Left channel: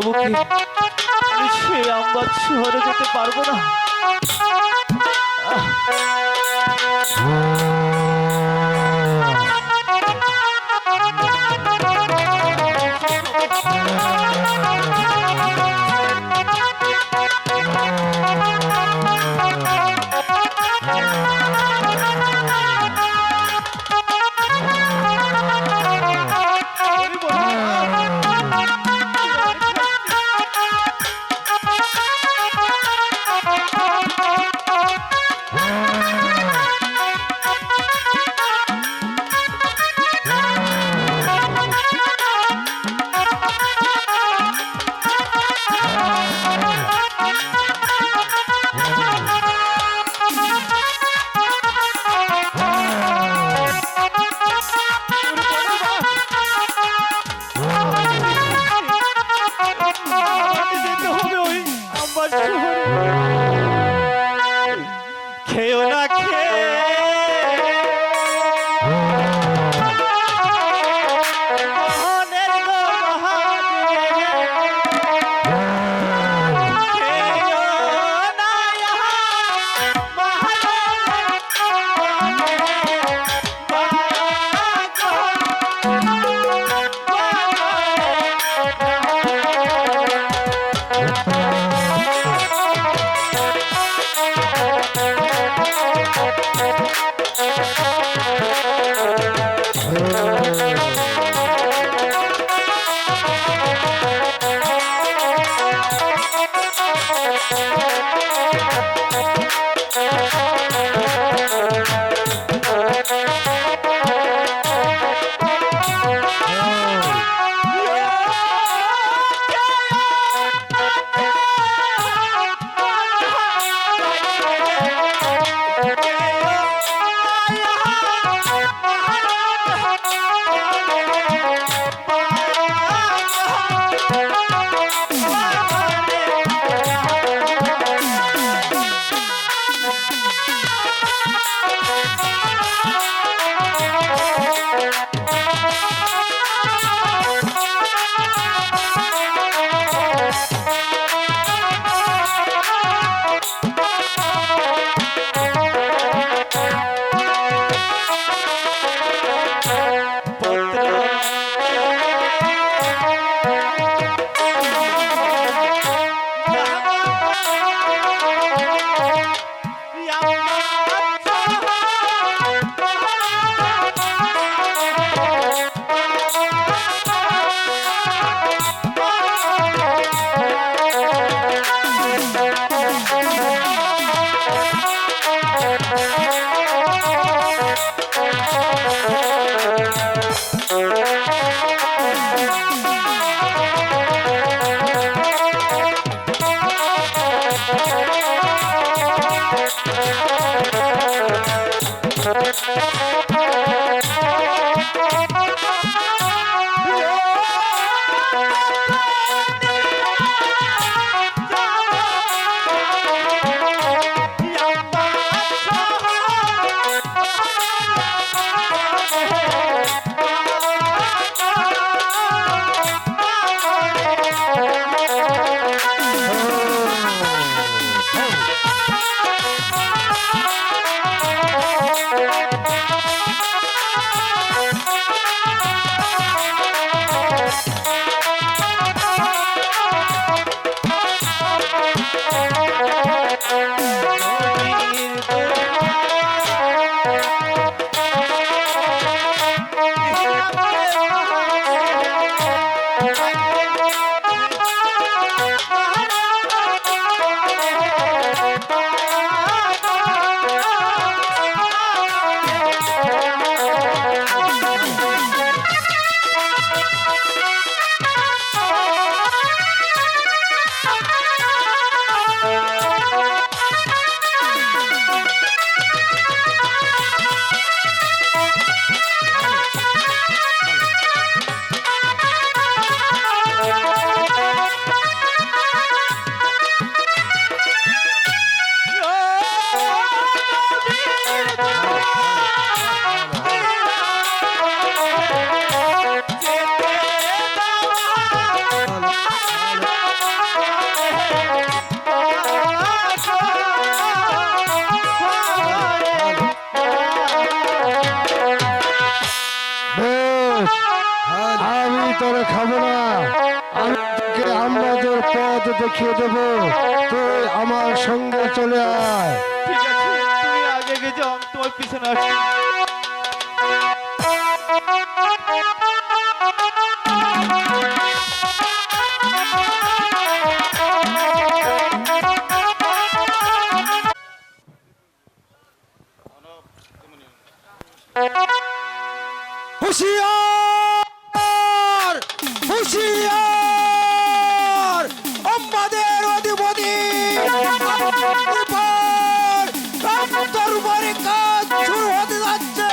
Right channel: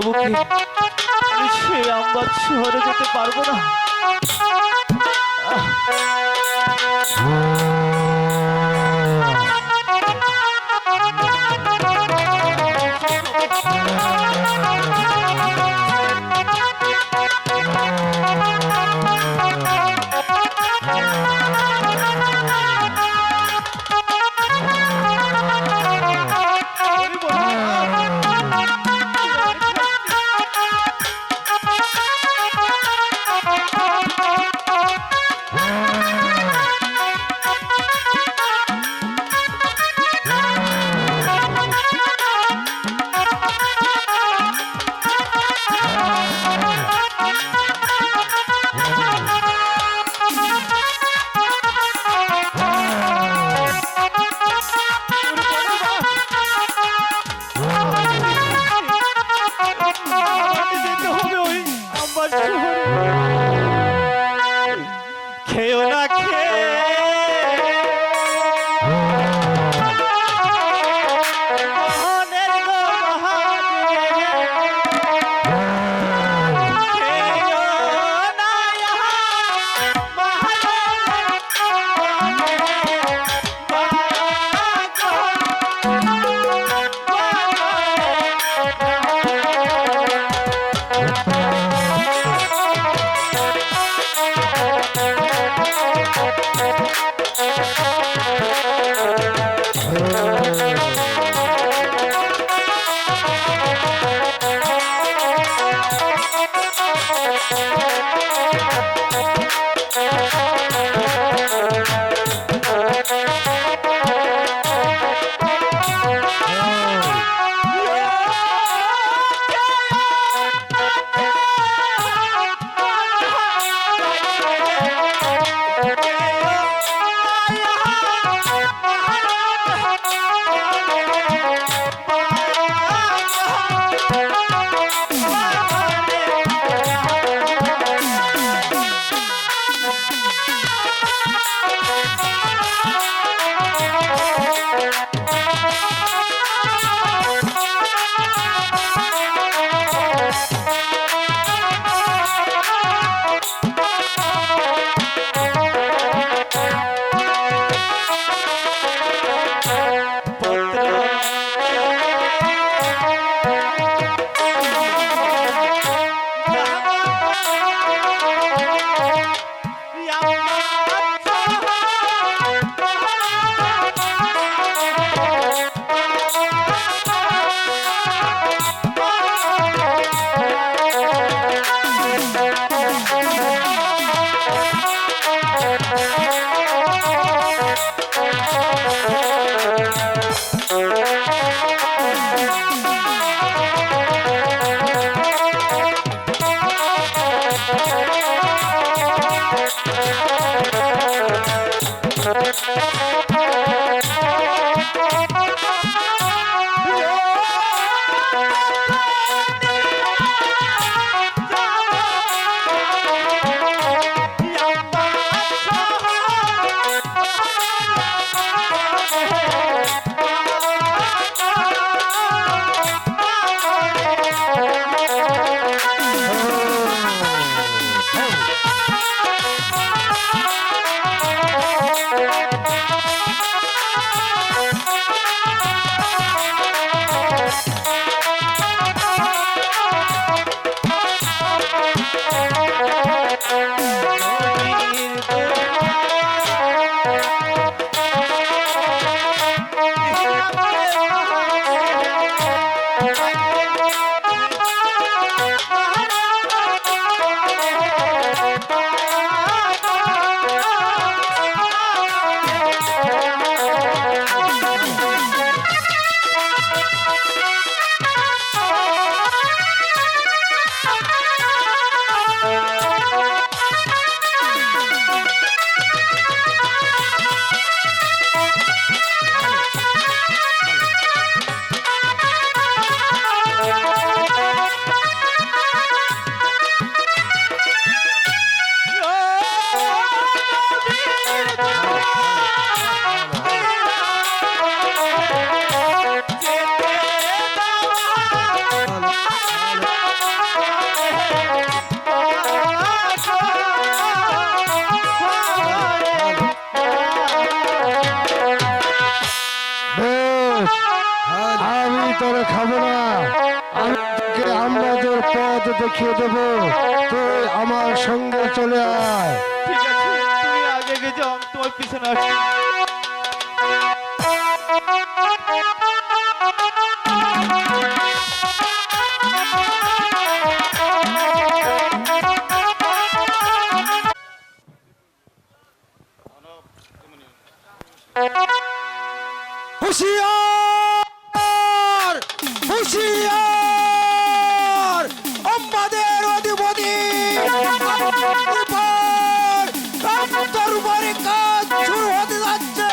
প্রভুকে আমি সেই আমবাগ শহরে যেতে পারবো না। খেয়েও না খেয়ে দেখিয়ে দেব। তুই আমার সঙ্গে চলে আয়। ঠিক আছে, তুমি আগে এগিয়ে যাও, আমি তোমার পিছনে আসছি। হুঁশিয়ার, হুঁশিয়ার, আমাদের অধিপতি দরবারে কাজ শুরু হতে যাচ্ছে।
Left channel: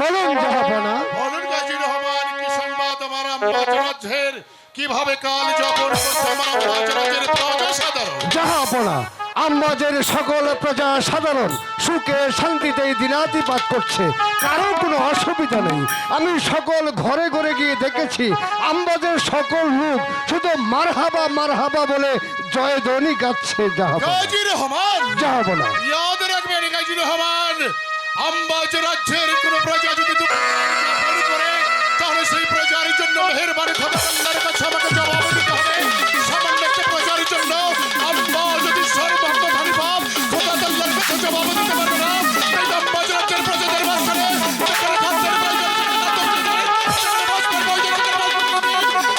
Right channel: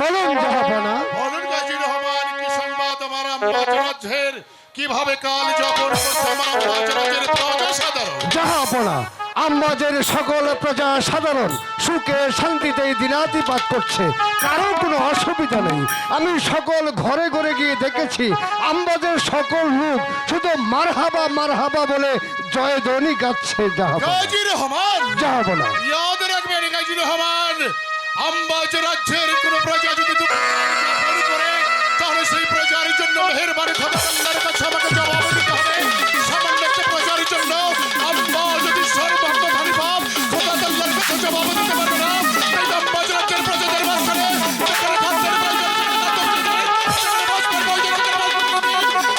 বলুন জাহাপনা। বলুন গাজী রহমান, কি সংবাদ আমার আম্বাজ রাজ্যের? কিভাবে কাল যাপন করছে আমার আম্বাজ রাজ্যের প্রজা সাধারণ? জাহাপনা, আমাদের সকল প্রজা সাধারণ সুখে শান্তিতেই দিনাতিপাত করছে, কারো কোনো অসুবিধা নেই। আমি সকল ঘরে ঘরে গিয়ে দেখেছি আমাদের সকল লোক শুধু মারহাবা মারহাবা বলে জয়ধ্বনি গাচ্ছে। জাহাপনা, গাজী রহমান, জাহাপনা, ইয়াদ রাখবেন গাজী রহমান, আম্বাজ রাজ্যের কোন প্রজা যদি দুঃখ করে তাহলে সেই প্রজার জন্য মেহেরবানি খোদা আল্লাহর কাছে আমাকে জবাব দিতে হবে। সামান্য একটা প্রজার জন্য আম্বা যদি সর্বভক্ত ভারী ভাব খোদা আল্লাহর কাছে জবাব দিতে পারবে না। তাই আম্বাজ রাজ্যের প্রজাদের মাঝখানে যেখানে খাদ্যের প্রয়োজন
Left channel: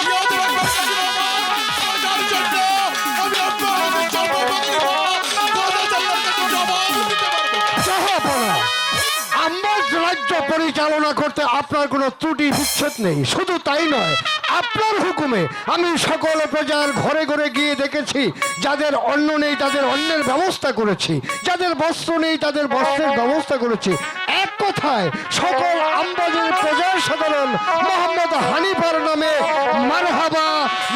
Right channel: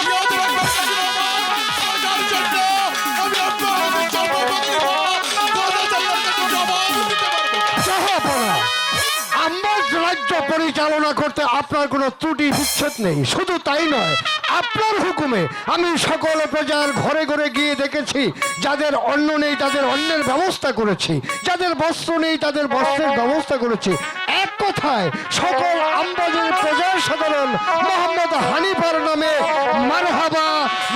ইয়াদ রাখবেন গাজী রহমান, প্রজার জন্য আমি আম্বা জবাব দিব, খোদা আল্লাহর কাছে জবাব দিতে পারবে না। জাহাপনা, আমার রাজ্য পরিচালনা করতে আপনার কোনো ত্রুটি বিচ্ছেদ নেই। শুধু তাই নয়, আপনার হুকুমে আমি সকল প্রজার ঘরে ঘরে গিয়ে দেখেছি যাদের অন্ন নেই তাদের অন্নের ব্যবস্থা করেছি, যাদের বস্ত্র নেই তাদের বস্ত্রের ব্যবস্থা করেছি। এক কথায় সকল আম্বাজের প্রজার সাধারণ মোহাম্মদ হানিফার নামে মারহাবা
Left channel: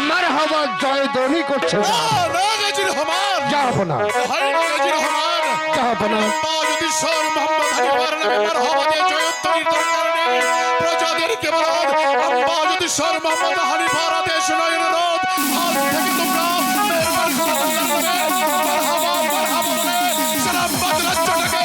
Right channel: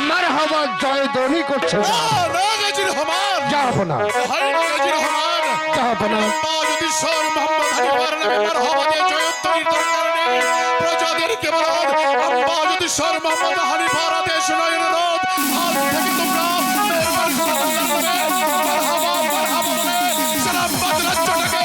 মারহাবা জয়ধ্বনি করছে। গাজী রহমান, জাহাপনা, হয় না গাজী রহমান, জাহাপনা, আম্বা যদি সর মোহাম্মদ হানিফার নামে মারহাবা দিয়ে জয়ধ্বনির দরকার নেই। প্রজাদেরকে বলুন, আম্বা যদি সর মোহাম্মদ হানিফার আদেশ নয় অনুরোধ, আজ থেকে তোমরা মেহেরবানি করে মারহাবা মারহাবা বলে সালামবাদ রাজ্যটাকে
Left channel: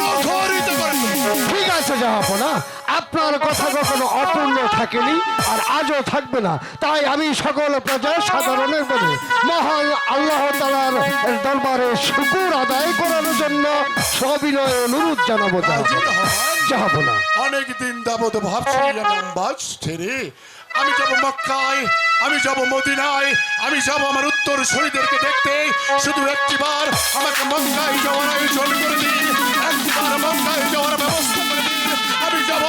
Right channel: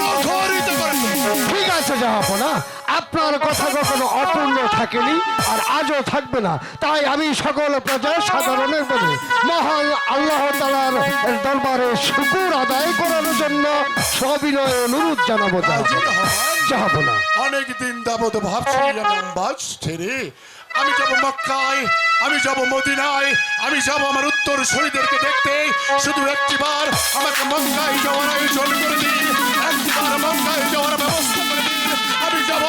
মুখরিত করে দিন। ঠিক আছে জাহাপনা, আপনার কথা কখনো অপূর্ণ থাকেনি আর আজও থাকবে না। তাই আমি সকল প্রজা সাধারণের বলে মহান আল্লাহ তাআলার দরবারে শুকর আদায় করার জন্য সবিনয় অনুরোধ জানাবো। গাজী রহমান, জাহাপনা, অনেক দিন যাবত ভাবছি আমি আম্বাজ ছেড়ে আমি যাব মক্কায়, আমি যাব মদিনায়, আমি যাব আমার উত্তর শহীদদেরকে দেখতে। শুধু একটিবার আমাকে মক্কায় যাওয়ার আয়োজন করে দিন, একটিবার মক্কায় যাওয়ার ব্যবস্থা করে দিন। আমি যাব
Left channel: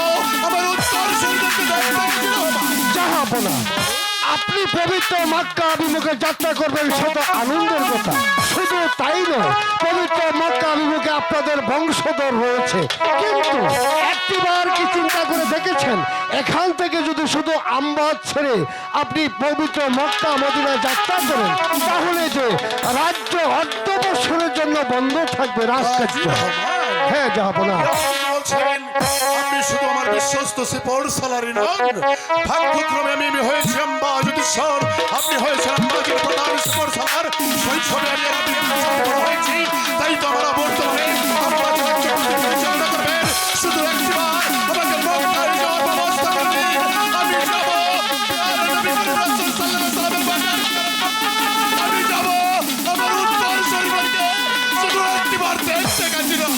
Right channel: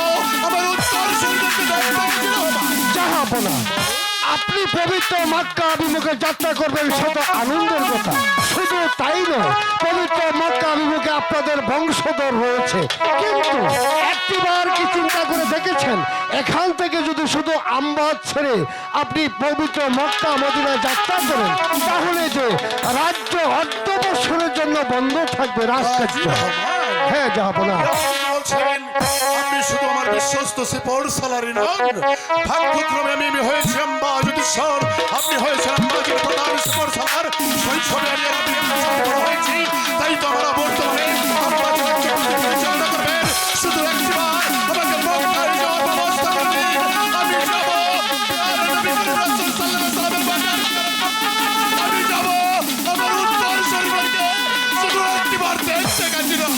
আমার উত্তর শহীদদেরকে দেখতে। জাহাপনা, আপনি পবিত্র মক্কা অভিমুখে যাত্রা করবেন সেটা আনন্দের কথা। শুধু তাই নয়, পবিত্র মক্কা অভিমুখে আপনাদের বংশধর রয়েছে। কিন্তু একটিবার কি চিন্তা করে দেখেছেন এখান থেকে যদি শুধু আম্বাজ ছেড়ে আপনি পবিত্র মক্কা মদিনায় যাত্রা করেন তাহলে যে রাজ্য অর্ধ বছরের জন্য বন্ধ থাকবে রাজকার্য। হ্যাঁ জাহাপনা, বলছেন আপনি শুধু আমার বিশ্বস্ত সিপর সালারি নন, ভাগ্যক্রমে আমি হয়েছি আম্বাজুদ্দিন, আপনি হয়েছেন আম্বাজের প্রধান সিপর সালার। শৈশবে আমি হয়েছি, তাই তো আমরা বর্তমানে পরিচালনা করবেন। শুধু একটিবার আমাকে মক্কায় যাওয়ার ব্যবস্থা করে দিন, আমি যাব। আমি যাব আমার উত্তর শরীরকে শুধু একটিবার দেখতে গেছিলাম।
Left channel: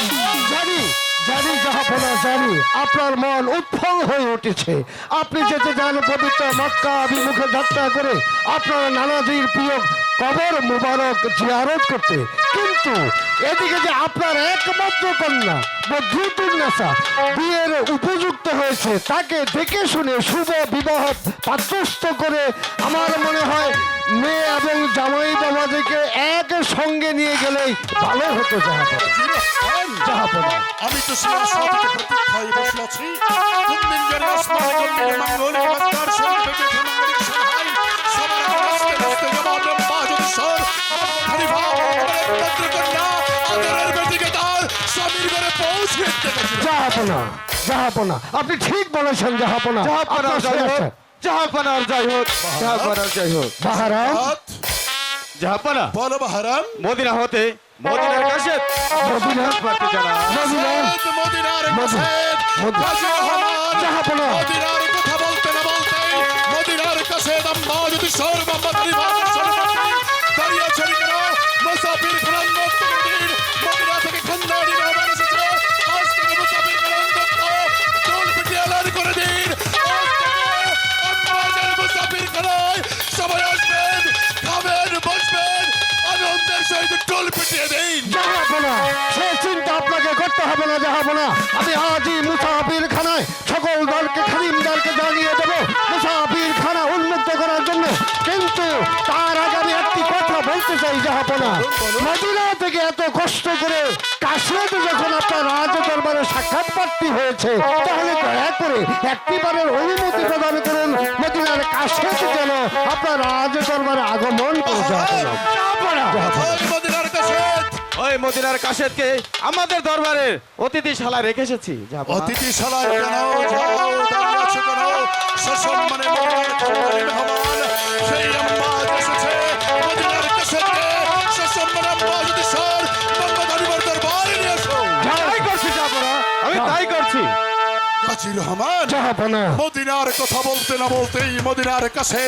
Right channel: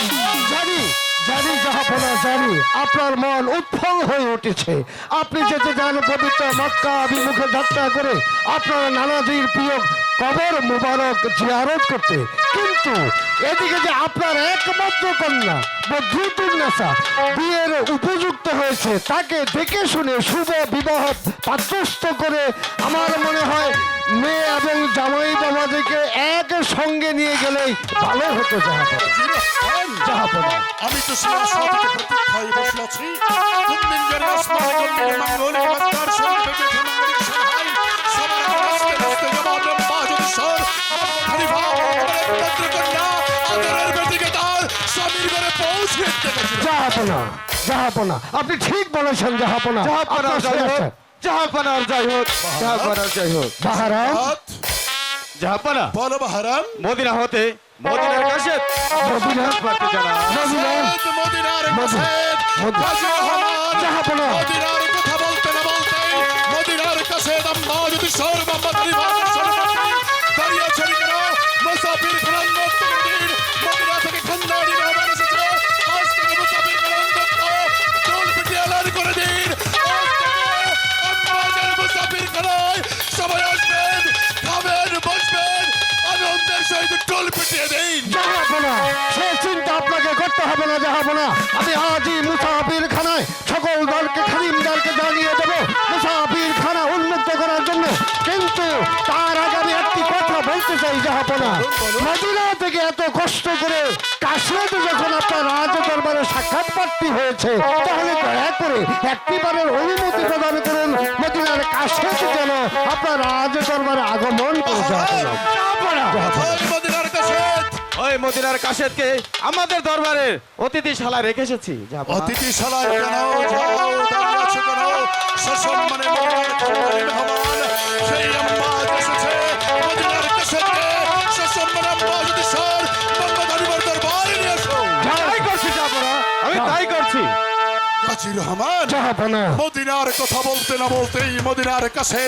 জানি জানি জাহাপনা, জানি আপনার মন উৎফল হয়ে উঠেছে। আপনি যেতে চান পবিত্র মক্কা অভিমুখে যাত্রা করে আপনার নানাজির প্রিয় কবর মুবারক জিয়ারত করতে। কিন্তু এদিকে যে আপনার একমাত্র কন্যা বদরুদ্দুন্নেসা বিয়ের উপযুক্ত হয়েছে, তাকে দেখে শুনে শুভ বিবাহ পাত্রস্থ করে আমার মনে হয় মেয়ে এবং জামাই বাবাদেরকে এক সঙ্গে নিয়ে গেলেই ভালো হতো। জাহাপনা, আমি তো প্রতীক্ষায় বসে আছি। কুম্মিন জেলা আসমানে কুম্মিন মাঙ্গলিক মাত্রার সঙ্গে বেঁচে মাঙ্গলিক সহায় সবার রাস্তে রাস্তে জবাব বাজুদ সর খলিফা পত্রকন্যা আদরের বেটিকে তার স্বামীর ঘরে পৌঁছে দিতে। জাহাপনা, জাহাপনা, আপনি ঠিক বলেছেন জাহাপনা। জাহাপনা যাই হোক, জাহাপনার যাই হোক, জাহাপনার যাই হোক। বাহারাম, জাহাপনা বলো বাহারাম, মদিনা হতে মদিনার কাছে মদিনার পারতে জানা মদিনার মদিনার মদিনা, কাছে মদিনা। গাজী রহমান জাহাপনা। মদিনার কথা বলতে না বলতেই মদিনার কাছে আম্মা যদি শহর মোহাম্মদ আলী বাহাদুর সরকারি দাঁড়িয়ে আছেন কেন মুসাফির খান মুক্ত করে দিন মদিনা থেকে খানদানি রহমান এসেছে আজ থেকে মুসাফির খান মুক্ত চুল পিটিয়ে এলান করে দিন আজ থেকে আম্মাদের মুসাফির খানায় সবাই আসবেন খাবেন বসবেন আনন্দের সহিত টোল পিটিয়ে দিন জাহাপনা, সে চিন্তা আপনাকে করতে হবে না জাহাপনা। আমি আজই মুসাফির খানায় সকল দলকে খানিমদারকে জানিয়ে দেবো মুসাফির খানা উন্মুক্ত করার জন্য। কিন্তু তার আগে আমি একটি কথা বলতে চাই জাহাপনা, মদিনা থেকে এত কষ্ট করে কাশ্মীরে যখন আপনার রাজ দরবারে সাক্ষাৎ প্রার্থী হয়েছে তাহলে দয়া করে একটিবারের অনুমতি প্রদান করুন মদিনার কাশ্মীর যেন আপনার রাজ দরবারে আগমন করে জাহাপনা। ওই মদিনার কাছে ওই মদিনার কাশেদকে আমাদের দরবারের অতিথিশালা রেখে এসেছি যাবো না। অতিথিশালায় কেন যাও দাঁড়িয়ে আছো কেন সসম্মানে মদিনার খানদানি মেহমান সেই আম্মা এসেছে মদিনার কাছে সসম্মানে আম্মা যদি সর মোহাম্মদ আলীর দরবারে নিয়ে এসো তাই করছি যাবো না, আমি তাই করছি। গাজী রহমান জাহাপনা, মদিনার কথা বলতে না বলতেই মদিনার কাছে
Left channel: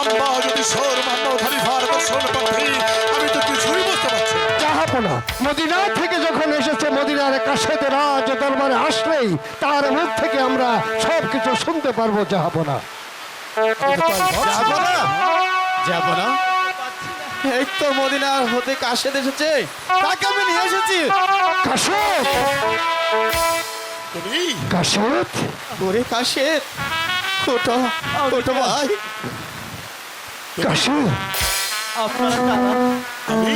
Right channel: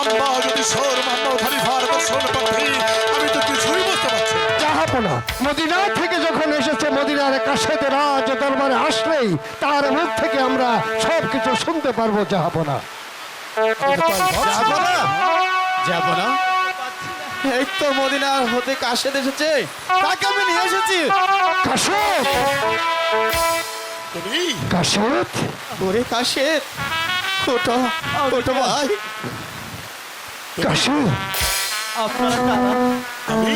আম্মা যদি সর মোহাম্মদ খলিফার দর্শন পাচ্ছি আমি তো কিছুই বুঝতে পারছি না। জাহাপনা, মদিনা থেকে যখন এসেছে মদিনার কাশেতে রাজ দরবারে আসলেই তার মুখ থেকে আমরা সবকিছু শুনতে পারবো জাহাপনা। যাবো না, যাবো না। এই তো মদিনার হতে কাশেদ এসেছে, তাকে আমি নিয়ে এসেছি। কাশেদ, তুমি কাশেদ, ওরে কাশেদ, ওঠো ওঠো ভাই। কাশেদ, আপনারা কারা? আমি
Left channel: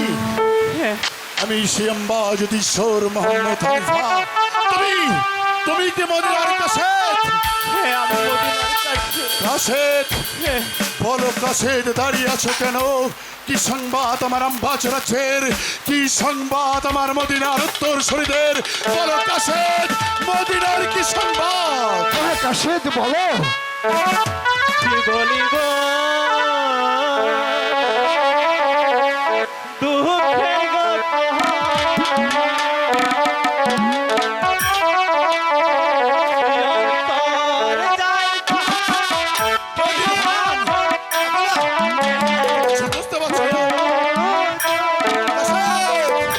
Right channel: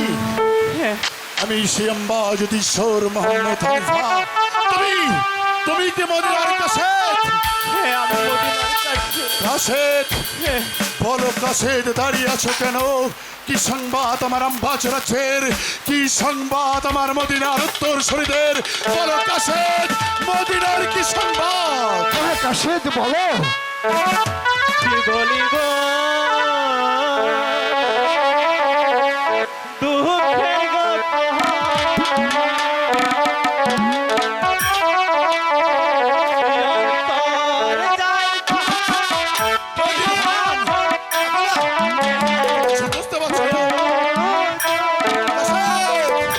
হ্যাঁ, আমি সে আম্বা যদি সর মোহাম্মদ খলিফা তুমি তুমি কি মদিনার কাছে হ্যাঁ, আমি মদিনার কাশেদ। কাছেদ হ্যাঁ, বলো কাছেদ দাঁড়িয়ে আছো কেন কি সংবাদ আমার আম্বাচরাছের কি সংবাদ আমার মদিনার উত্তর শরীদের বলো কাছেদ মদিনার কি সংবাদ হ্যাঁ, কাশেদ বলো। কি বলিব দুঃখের বুঝতে পারছো না কাছেদ,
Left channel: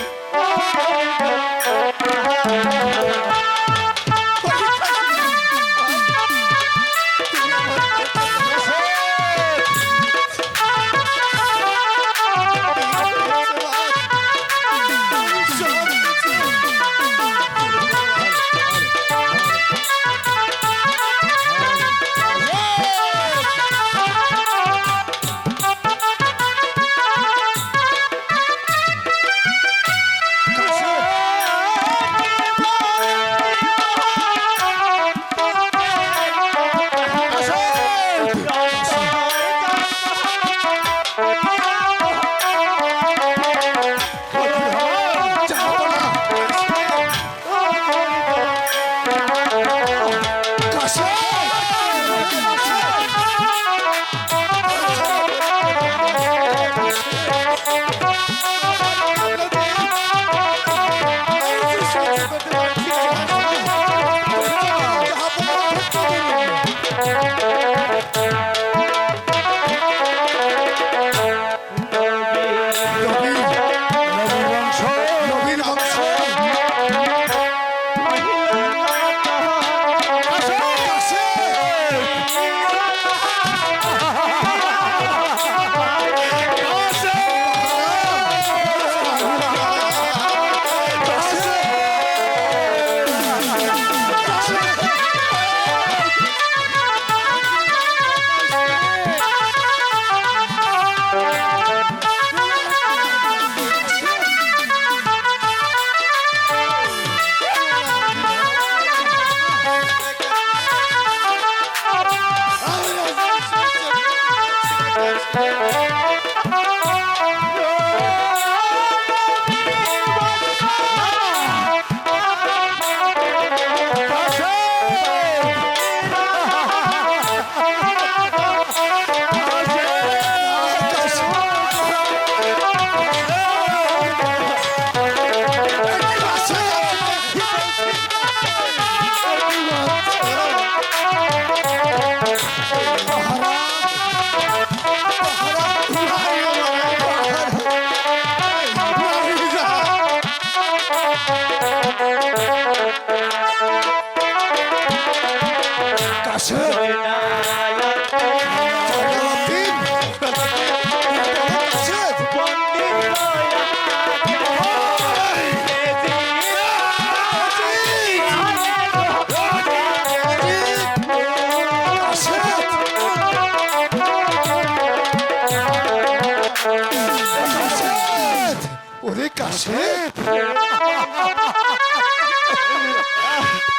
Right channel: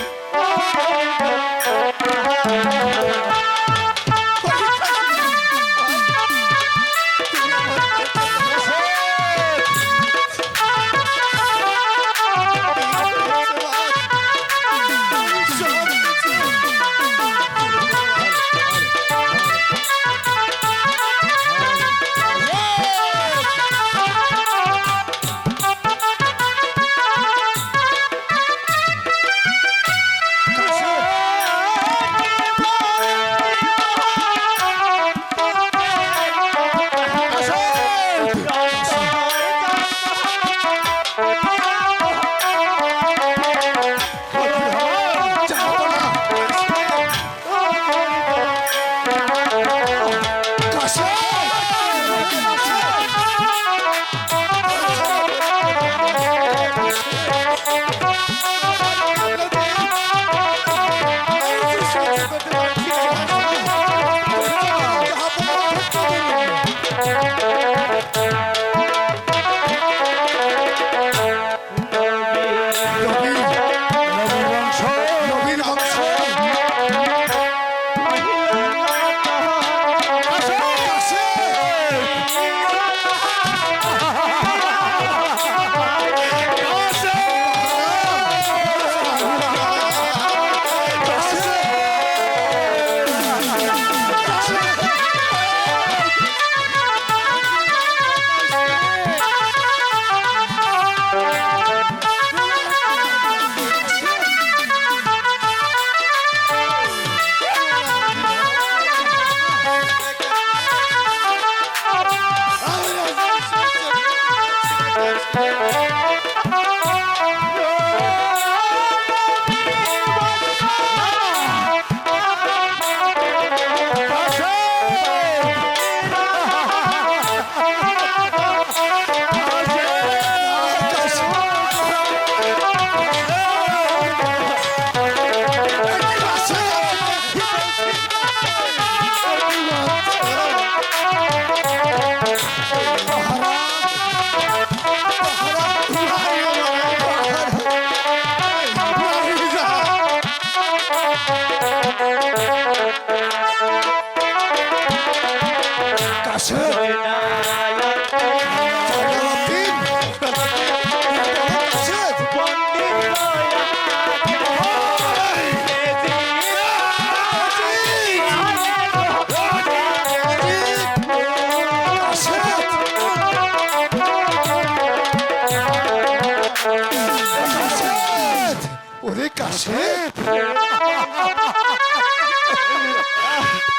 কাশেদ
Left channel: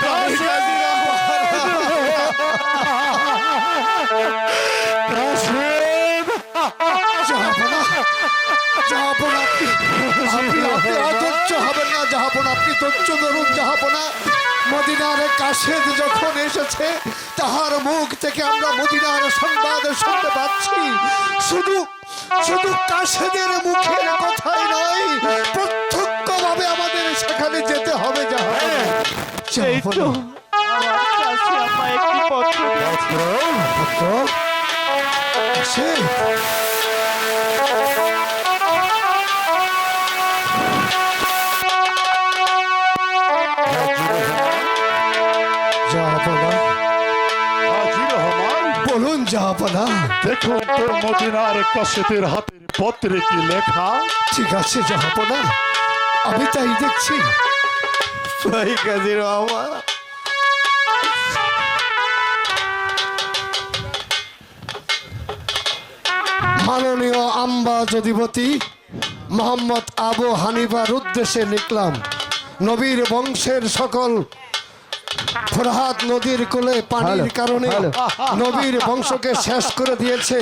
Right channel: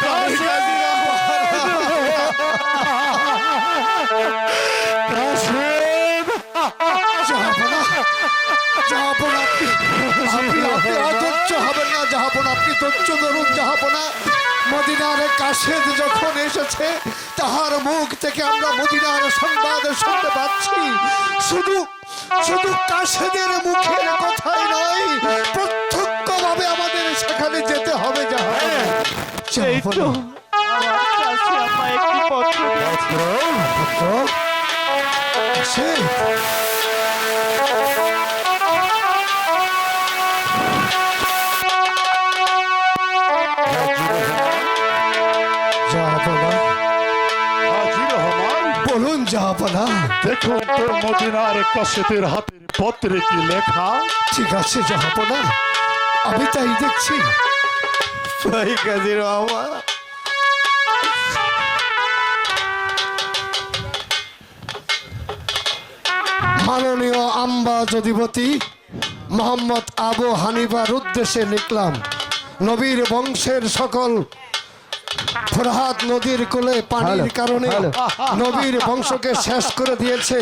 কাশেদ জাহাপনা জাহাপনা আপনি আপনি আপনি অধৈর্য হবেন না জাহাপনা আপনি ধৈর্য ধরুন জাহাপনা মদিনার কাশেদ যখন এসেছে তাহার মুখ থেকে আমরা মদিনার সংবাদ শুনতে পাচ্ছি শুধু শুধু কাশেদের মুখের কথাই নয় প্রত্যক্ষভাবে আমাদের সেখানে যেতে হবে জাহাপনা এই তো আমার কাছে আপা একটি পত্র কাশেদ জাহাপনা হাজী রহমান, বলুন জাহাপনা দেখুন তো মদিনার কাশেদের হাতের পত্রে কি লেখা। ঠিক আছে জাহাপনা আমি তাই দেখছি ভাই কাজী রহমান মাননীয় আম্বাজ অধিপতি মোহাম্মদ আবু হানিফার উদ্দেশ্যে লিখলাম নবীর বংশের সকল ফরহাদ নদীর কোলে পানির কারণে নবীর বংশকে শেষ করে দিয়েছে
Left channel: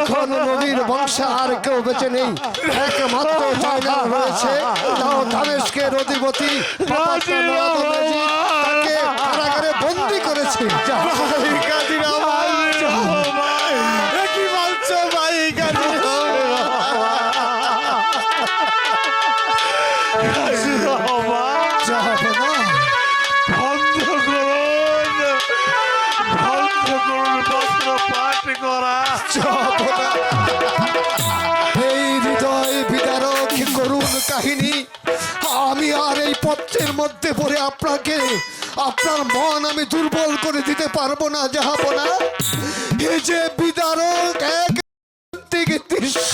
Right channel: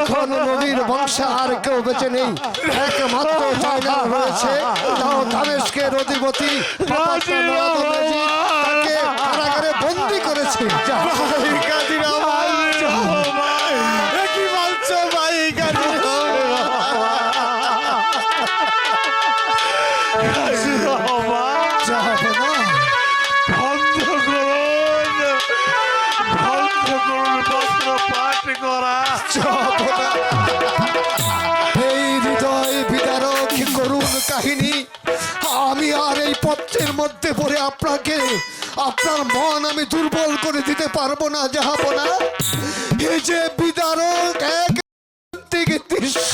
এখন নবীর বংশে আর কেউ বেঁচে নেই একমাত্র চায়না রয়েছে তাও দামেস্কের অধিপতি তাকে কারাগারে বন্দি করেছে ভাই কাজী রহমান এ কি বলছো ভাই কাজী রহমান জাহাপনা বন্ধ করুন পত্র পাঠ করা। এই হৃদয় বিদারক করুণ কাহিনী আমি আর এই পত্রের মধ্যে পড়ে আপনাকে আপনার মন আমি দুর্বল করে দিতে পারবো না জাহাপনা এই যে বিদারক এক দিকে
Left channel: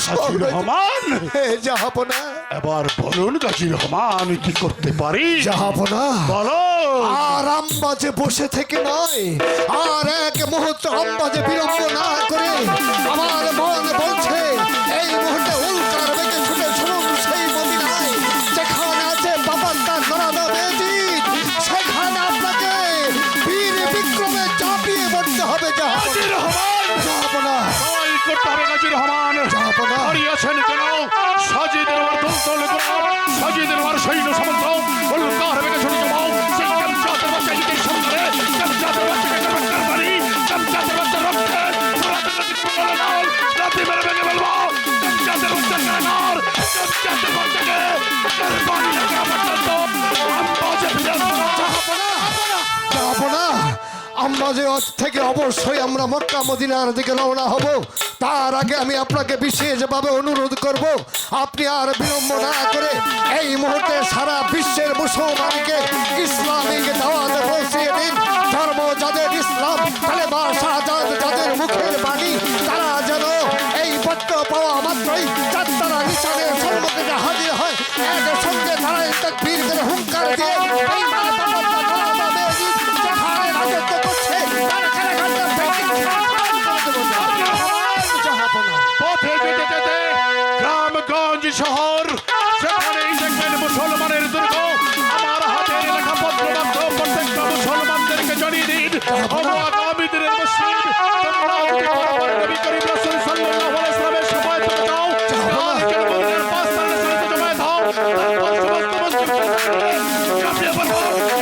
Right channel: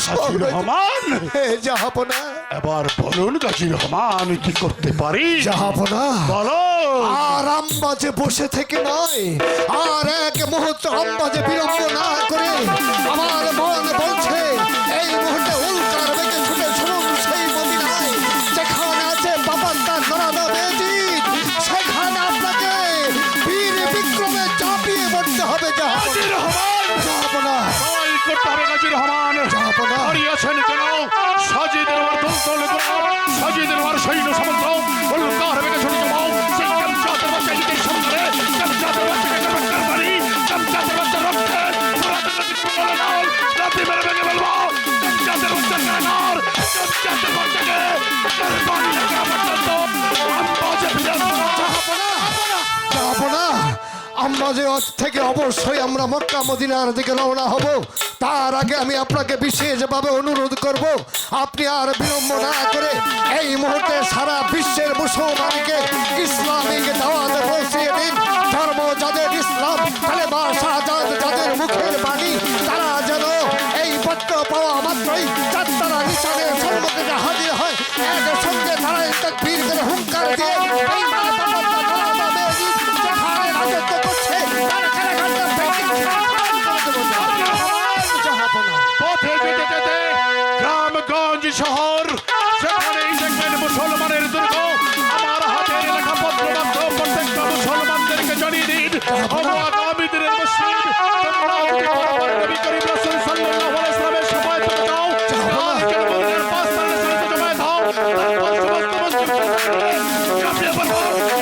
হাজী রহমান, জাহাপনা এবার বলুন হাজী রহমান কি করতে পারি। জাহাপনা বলো। আর আম্বাজে বসে থেকে নয় আর এক মুহূর্ত আম্বাজে বিলম্ব না করে আমার মন বলছে এই মুহূর্তে উল্কার বেগে ছুটে শুনুন সেই মদিনায় যেখানে আছে বাবাস্তার নরাদা বেজিদ সেখানে আপনাকে বীর বিক্রমে চাপিয়ে পড়তে হবে হাজী রহমান, জাহাপনা তাই করতে হবে হাজী রহমান। জাহাপনা হারিয়েছেন কেন সাজিদের আমার দল সাজিদের আমার সৈন্য সামন্ত উল্কার বেগে শুনে যাও সেই কামচাতের বাচ্চা ঈদের সন্ধানে কামচাতের বাচ্চাকে কামচার বাড়ি কামচাতের বাচ্চা রক্তে রাতে মেরে ভেঙে বলবো কামচাতের বাচ্চা কানার কামচাতের বাচ্চাকে কারবানি লাগা পর্যন্ত আম্বাজে বিরাজ জাহাপনা আম্বাজে থেকে অবশ্যই আমরা মক্কা মদিনার দিকে রওনা হব তার আগে আমি আপনাকে বিশেষভাবে অনুরোধ করব আপনি আর বিলম্ব না করে এই মুহূর্তে সারা বিশ্বের মুসলমানকে ইসলামিক দাওয়াত পৌঁছিয়ে দিন ধর্ম যাদের ইসলাম কালেমা শাহাদাত যাদের মুখের বাণী তারা যেন এই পত্র পাওয়া মাত্রই চারতলা নিশানের সম্মুখে হাজির হয় এর সঙ্গে তারা তাকবীর করে হুঙ্কার দিয়ে এই রাজত্ব করছে পথে যেতে যেতে গ্রামগঞ্জ শহর সেখানেই দেখবেন মুসলমানের দুর্গ আমার হাতের লেখা পত্র মাত্র প্রত্যেকটা মুসলমানদেরকে জানিয়ে দিন আগামী দিনের মসজিদ তোমরা যদি তোমার নবী করিম রাসূল সাল্লাল্লাহু আলাইহি ওয়াসাল্লামের শাফায়াত পেতে চাও আজকের মদিনার 5 সালের সাথে জমায়েত হও তারপর সমস্ত মুসলিম জামিয়া পড়ো